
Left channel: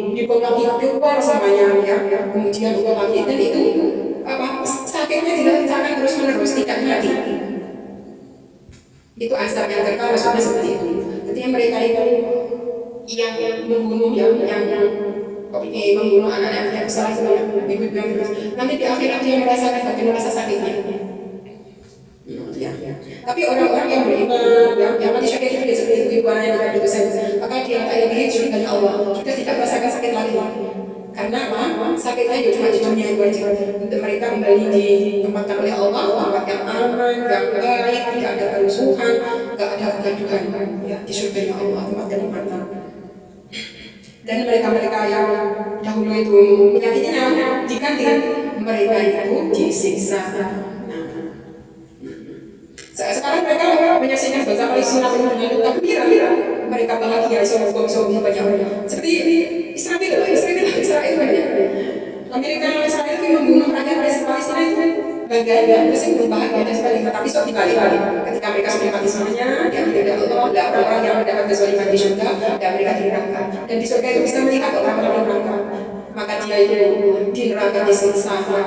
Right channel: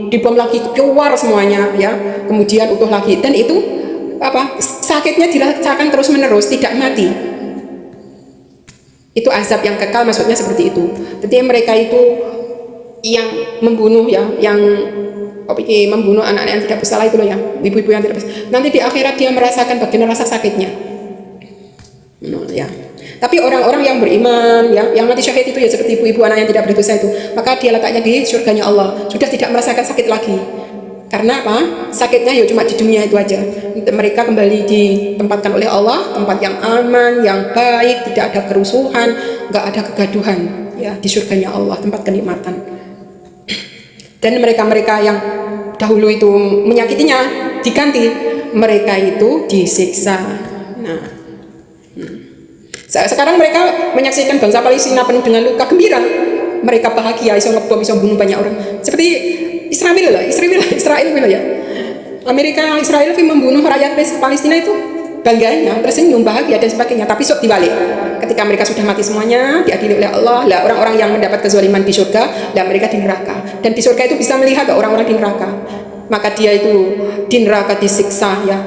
dibom lagi keluar semuanya ya. Kemudian utuh lagi dan itu sakitnya dirasakan terus menerus, tidak mati. Itu azab yang kekal, maksudnya seperti itu. Jadi mereka itu yang membunuh ya, yang membunuh anak yang tidak bersalah itu loh ya, ibu-ibu yang tidak bersalah. Nanti di akhirat dia merasakan bagaimana rasa sakitnya. Ya. Tapi orang-orang yang beriman, yang mati syahid itu ya seperti ibu-ibu anak yang tidak berdosa itu, maka dia letaknya di surganya Allah, sudah tidak merasakan sakit lagi. Karena apa? Sakitnya ya cuma di dunia itu aja. Mereka kembali ditempatkan oleh Allah, tempat yang aman, yang baik, tidak ada kerusuhan, nggak ada kegaduhan, ya di surganya Allah, tempat kenikmatan. Dan mereka-mereka yang dahulu itu menyakitinya diganti, mereka itu disiksa. Nah, sekarang mereka menyaksikan bangsa Palestina penuh dengan luka gembira. Mereka bahagia, bisa ngebom, bisa bunuh banyak orang. Seperti Israel gitu ya. Amerika Israel itu membunuh rakyat Palestina itu bangganya, tersenyum, bahagia dan sebagainya. Tapi sok dibalik, ketika mereka sudah mati semuanya, diadili oleh Allah, lah orang-orang yang mendapat kezaliman di surga dan mereka di neraka. Dan di surga itu bisa melihat orang-orang di neraka. Maka dia itu di neraka disiksa ya.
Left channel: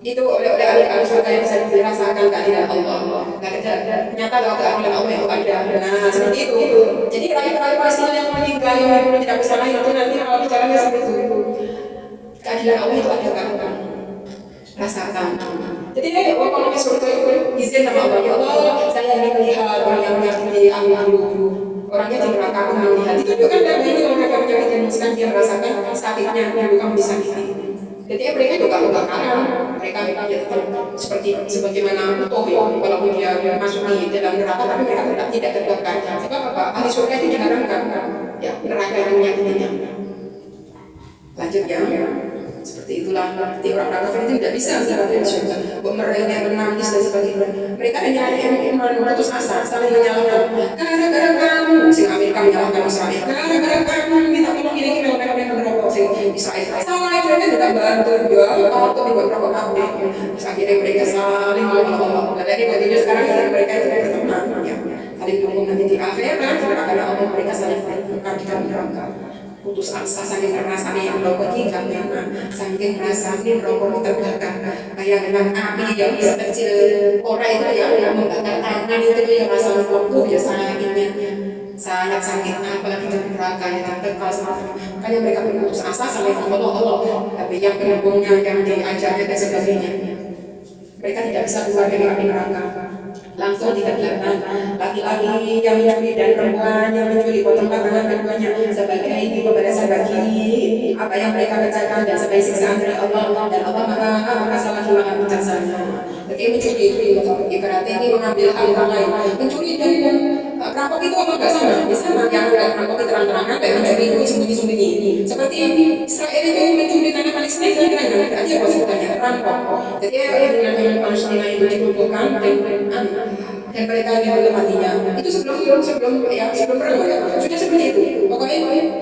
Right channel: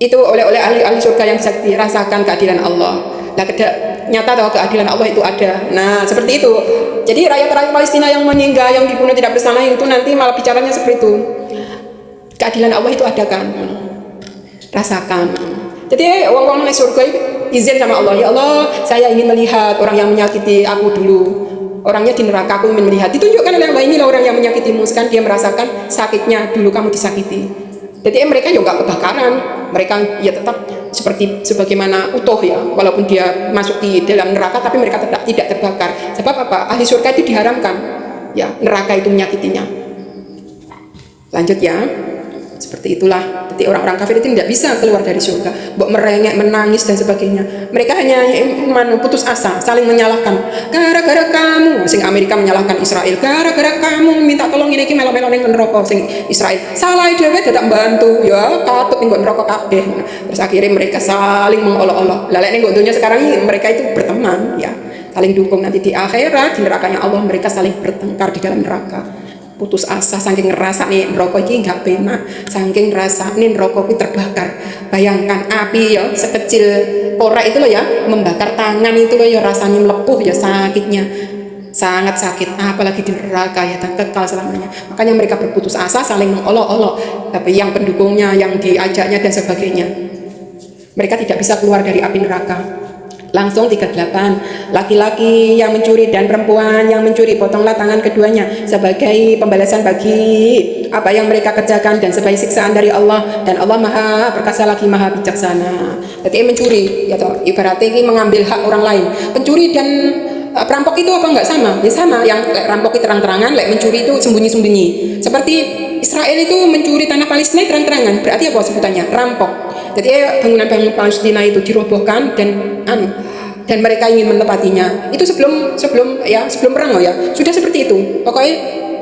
Itu oleh ahli surga yang bisa dirasakan keadilan Allah. Nah, nyata bahwa keadilan Allah itu ada. Nah, seperti itu. Jadi rakyat Palestina yang meninggal, yang dibunuh tidak bersalah itu nanti malah bicaranya seperti itu. Keadilan Allah itu ada kan? Rasakan. Jadi orang di surga itu izin sama Allah, ya Allah, saya ingin melihat orang yang menyakiti aku dulu. Orangnya di neraka, aku ingin melihat. Ditunjukkan oleh Allah, inilah orang yang menyakitimu, kan dia merasakan sakitnya dulu kamu disakiti. Jadi mereka juga nggak kebakaran, mereka ya tetap seperti sebagaimana utuh ya, walaupun dia masuk di dalam neraka, tapi mereka tetap tidak terbakar. Sebab apa? Ahli surga itu diharamkan, ya neraka itu menyakitinya. Lanjut ya, seperti itulah. Jadi orang-orang kafir itu tidak bisa keluar dari surga, merengek, menangis dan sebagainya. Mereka hanya putus asa, saling menyalahkan. Gara-gara kamu, sing Amerika menyalahkan Israel. Gara-gara kamu minta tolong ini melo-melo ning neraka sing Israel. Salah dhewe tidak bantu, ya katut ning neraka kabeh. Terus akhirnya mereka saling mengolok-olok. Lah lek ning dunia sekarang ini mereka itu berteman, ya. Saling dukung, nanti di akhirat di nerakanya Allah mereka saling bertengkar di dalam neraka. Putus asa saking ngerasa nih rokok ini nggak benar, saking ngerasa nih rokok itu terbakar. Bayangkan api ya sekecil korek itu loh ya, membakar tangan itu loh ya, rasanya melepuh ya, sakitnya sangat sakit, apalagi di neraka ya, dan kekal selamanya. Makanya mereka berputus asa, saling mengolok-olok. Tapi yang pendukungnya, yang diajaknya dan sebagainya, mereka tidak bisa keluar dari api neraka. Langsung 38, laki-laki yang mencuri dan perempuan yang mencuri, potonglah tangan keduanya sebagai pembalasan bagi apa yang mereka kerjakan dan sebagai siksaan dari Allah, dan Allah maha perkasa lagi maha bijaksana. Jadi mencuri ya, ibaratnya ini mengambil hak orang lain. Pencuri dan perampok itu apa enggak sama? Ya sama, yang perampok itu terang-terangan, mencuri itu sembunyi-sembunyi. Seperti Israel itu mencuri tanah Palestina terang-terangan, berarti apa sebutannya? Rampok. Jadi bangunan-bangunan Palestina itu dirobohkan dan mereka ingin menempatinya. Itu sebelum perang ya. Sudah seperti itu. Pokoknya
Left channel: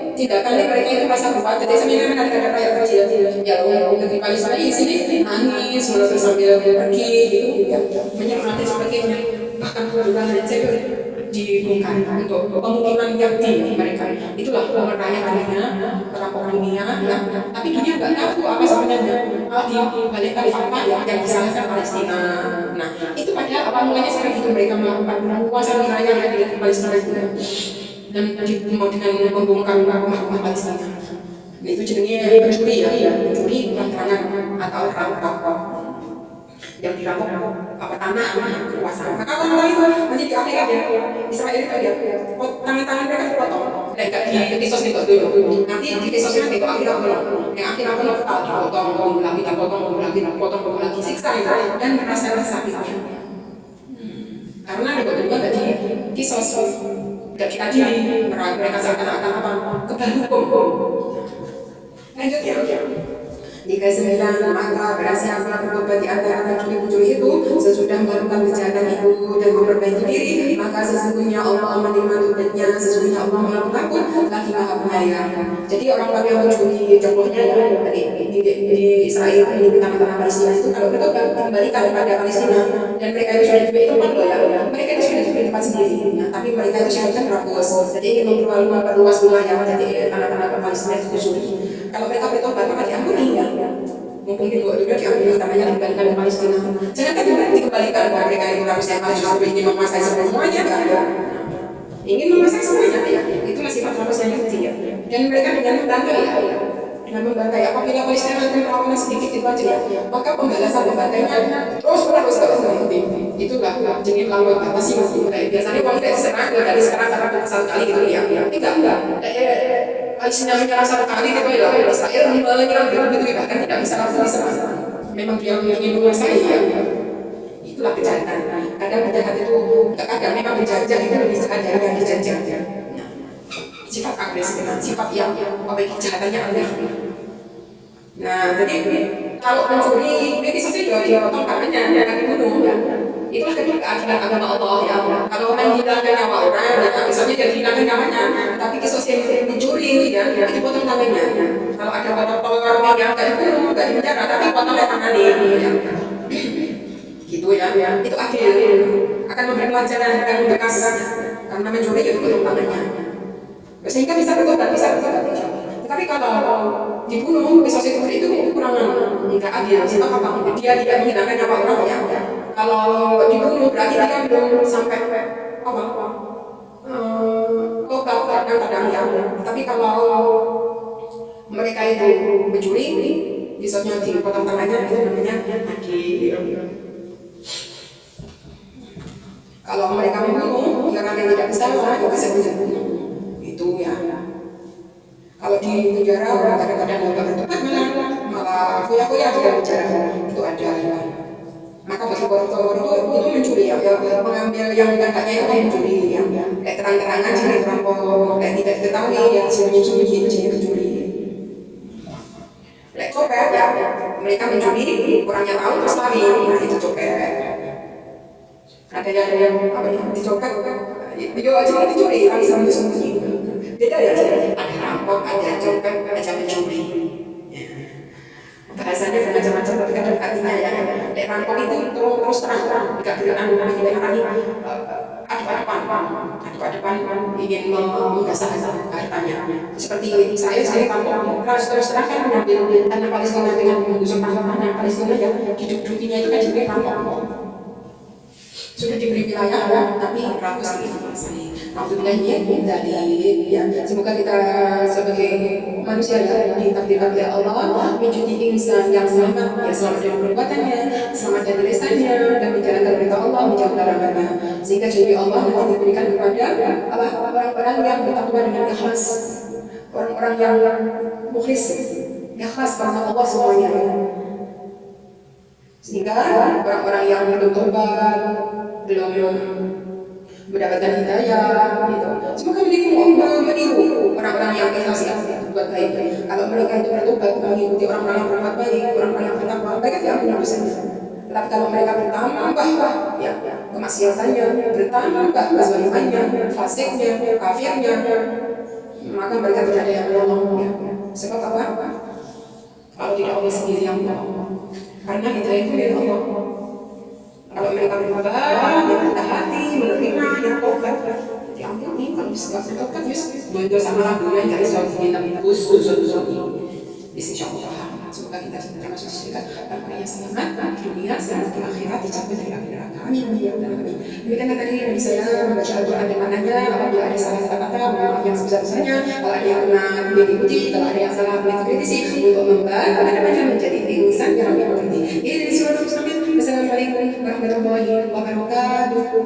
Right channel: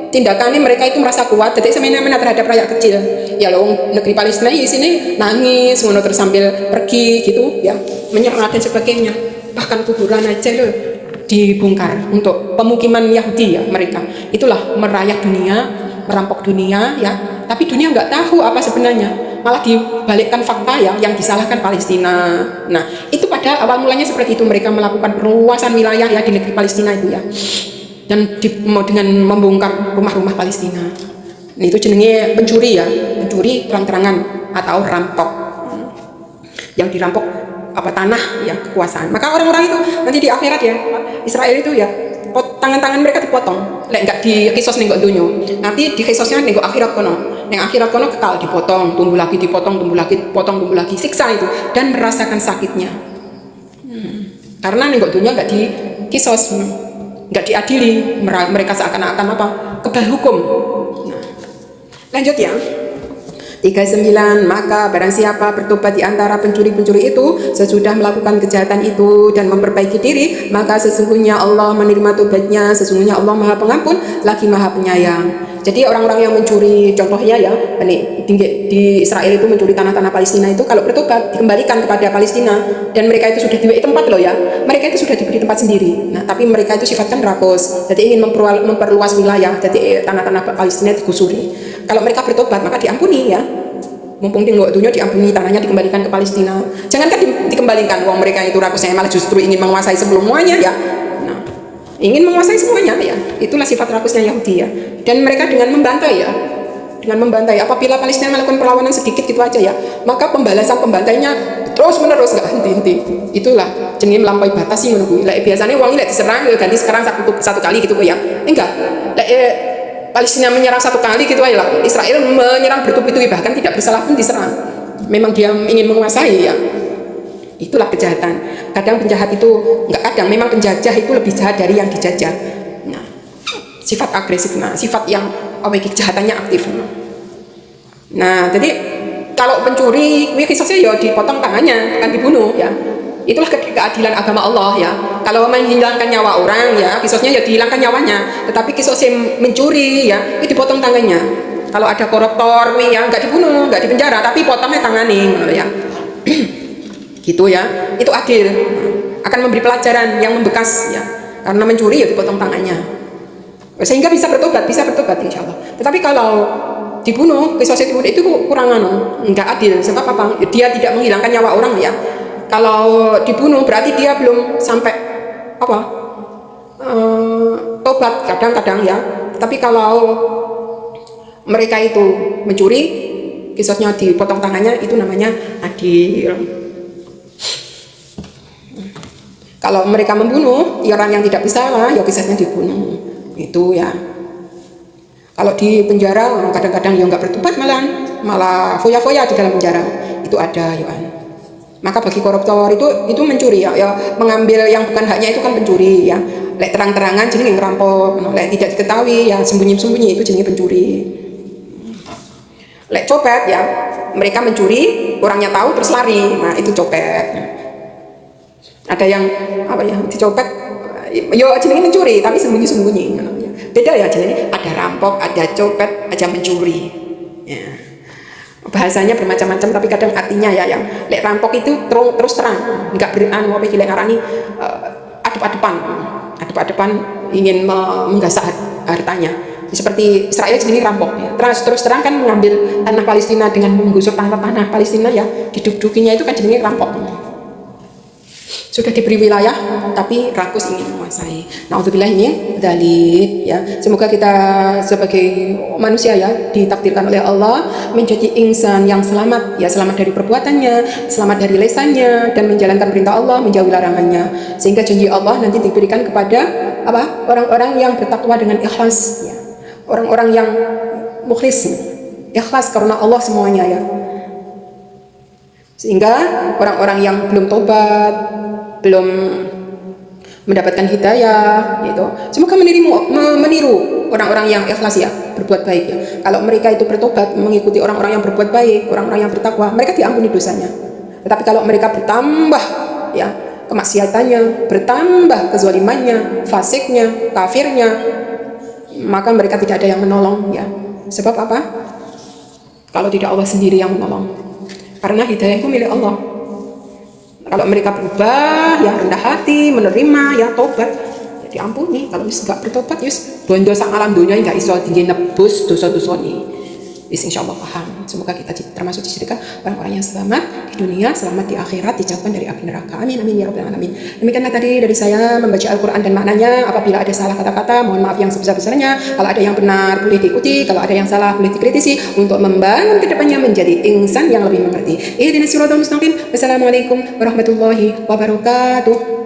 tindakannya mereka itu merasa kuat. Jadi semena-mena terhadap rakyat kecil. Ya loh, negeri Palestina di sini nangis, terus sambil pergi gitu ya, menyerang dan sebagainya. Bahkan kuburan aja loh dibongkar untuk pemukiman Yahudi ya mereka. Itulah merayat dunia, merampok dunia ya. Tapi dunia nggak tahu apa sebenarnya. Malah dibalikkan fakta ya, yang disalahkan Palestina. Nah, itu pada awal mulanya seperti itu, mereka melakukan perluasan wilayah ya di negeri Palestina itu ya. Dan dengan membongkar rumah-rumah Palestina. Nah, itu jenenge mencuri ya, mencuri terang-terangan atau rampok. Yang dirampok apa tanah ya, kekuasaan. Maka orang-orang itu nanti di akhirat ya, Israel itu ya, tangan-tangan mereka dipotong. Lek enggak di kisos ning dunya. Nanti di kisosnya ning akhirat kono. Ning akhirat kono kekal dipotong, tumbuh lagi dipotong, tumbuh lagi, siksa itu dan merasakan sakitnya. Karena ning dunya enggak di kisos, enggak diadili, mereka seakan-akan apa? Kebal hukum. Nah, lanjut ya. 39, maka barang siapa bertobat di antara pencuri-pencuri itu sesudah melakukan kejahatan itu dan memperbaiki diri, maka sesungguhnya Allah menerima tobatnya, sesungguhnya Allah Maha Pengampun lagi Maha Penyayang. Jadi orang-orang yang mencuri, contohnya ya, di Israel itu mencuri tanah-tanah Palestina itu, kalau bertobat dikembalikan kepada Palestina, dan mereka itu sudah diberi tempat loh ya, mereka itu sudah diberi tempat sendiri. Nah, tapi mereka itu sifatkan rakus, jadi ingin memperluas wilayah, jadi tanah-tanah Palestina digusuri. Kalau mereka bertobat maka diampuni ya. Mumpung tinggal dunia diampuni, tanahnya dikembalikan ke Palestina. Jangankan dikembalikan, uang mereka itu rakusnya malah justru ingin menguasai semuanya ya. Nah, ingin menguasai semuanya ya. Itulah sifat rakusnya Yahudi ya. Dan mereka dengan membantai ya. Dengan membantai, apabila Palestina melakukan perlawanan sedikit gitu aja ya, maka pembalasan pembantainya terus menerus nggak henti-henti. Itulah jenis melampaui batas sih menurut gue. Biasanya uangnya diserang ganti sekarang satu kali gitu ya. Enggak. Palestina menyerang satu kali gitu aja lah. Israel menyerang bertubi-tubi, bahkan tidak bersalah pun diserang. Memang dia ingin menguasai ya. Itulah kejahatan. Kadang penjahat itu memang penjajah itu lebih jahat dari yang dijajah. Nah, sifat agresif, sifat yang kejahatannya aktif. Nah, jadi kalau pencuri, kisahnya ya dipotong tangannya, kan dibunuh ya. Itulah keadilan agama Allah ya. Kalau menghilangkan nyawa orang ya, kisahnya ya dihilangkan nyawanya. Tetapi kisah mencuri ya, dipotong tangannya. Kalau ada koruptor yang nggak dibunuh, nggak dipenjara, tapi potongnya tangannya ya. Gitu ya. Itu adil. Akan memberi pelajaran yang membekas ya. Karena mencuri ya dipotong tangannya. Sehingga bisa bertobat insya Allah. Tetapi kalau dibunuh, kisah dibunuh itu kurangan, nggak adil. Sebab apa? Dia tidak menghilangkan nyawa orang ya. Kalau dibunuh berarti dia belum sampai tobat kadang-kadang ya. Tapi kalau mereka itu mencuri, kisahnya dipotong tangannya, itu namanya adil. Kalau mereka membunuh orang yang tidak bersalah, ya kisahnya dibunuh. Itu ya. Kalau di penjara kadang-kadang ya nggak bertobat, malah foya-foya di dalam penjara. Itu ada ya kan. Maka bagi koruptor itu mencuri ya, mengambil yang bukan haknya itu kan pencuri ya. Lek terang-terangan jadi ngerampok, lek tidak diketahui ya sembunyi-sembunyi itu jenis pencuri. Lek copet ya, mereka mencuri, orangnya tahu terus lari, nah itu copet. Ada yang dicopet, yo jenis mencuri tapi sembunyi-sembunyi. Beda ya jenis, ada rampok, ada copet, ada mencuri. Ya. Bahasanya bermacam-macam tapi kadang artinya ya yang lek rampok itu terus terang, enggak adep-adepan ingin menggasak hartanya. Seperti Israel sendiri rampok ya. Terus terang kan mengambil tanah Palestina dengan menggusur tanah Palestina ya, didudukinya itu kan jenis rampok. Sudah diberi wilayah tapi rakus ingin menguasai. Nauzubillah ini dzalik ya. Semoga kita sebagai manusia ya ditakdirkan oleh Allah menjadi insan yang selamat ya, selamat dari perbuatannya, selamat dari lesannya, dan menjalankan perintah Allah, menjauhi larangannya. Sehingga janji Allah nanti diberikan kepada orang-orang yang bertakwa dengan ikhlas ya. Orang-orang yang mukhlis, ikhlas karena Allah semuanya ya. Sehingga orang-orang yang belum tobat, belum mendapatkan hidayah gitu, semoga meniru orang-orang yang ikhlas ya, berbuat baik ya. Kalau mereka itu bertobat mengikuti orang-orang yang berbuat baik, orang-orang yang bertakwa, mereka diampuni dosanya. Tetapi kalau mereka bertambah ya kemaksiatannya, bertambah kezalimannya, fasiknya, kafirnya, maka mereka tidak ada yang menolong ya. Sebab apa? Kalau tidak Allah sendiri yang menolong. Karena hidayah itu milik Allah. Kalau mereka berubah, yang rendah hati, menerima, yang tobat, ya diampuni. Kalau nggak bertobat, dosa alam dunia nggak iso tinggi nebus dosa-dosa ini. Insyaallah paham. Semoga kita termasuk dijadikan orang-orang yang selamat di dunia, selamat di akhirat, dijauhkan dari api neraka. Amin amin ya rabbal alamin. Demikianlah tadi dari saya membaca Al-Quran dan maknanya. Apabila ada salah kata-kata, mohon maaf yang sebesar-besarnya. Kalau ada yang benar boleh diikuti, kalau ada yang salah boleh dikritisi untuk membangun kedepannya menjadi insan yang lebih mengerti. Ihdinas siratal mustaqim. Wassalamualaikum warahmatullahi wabarakatuh.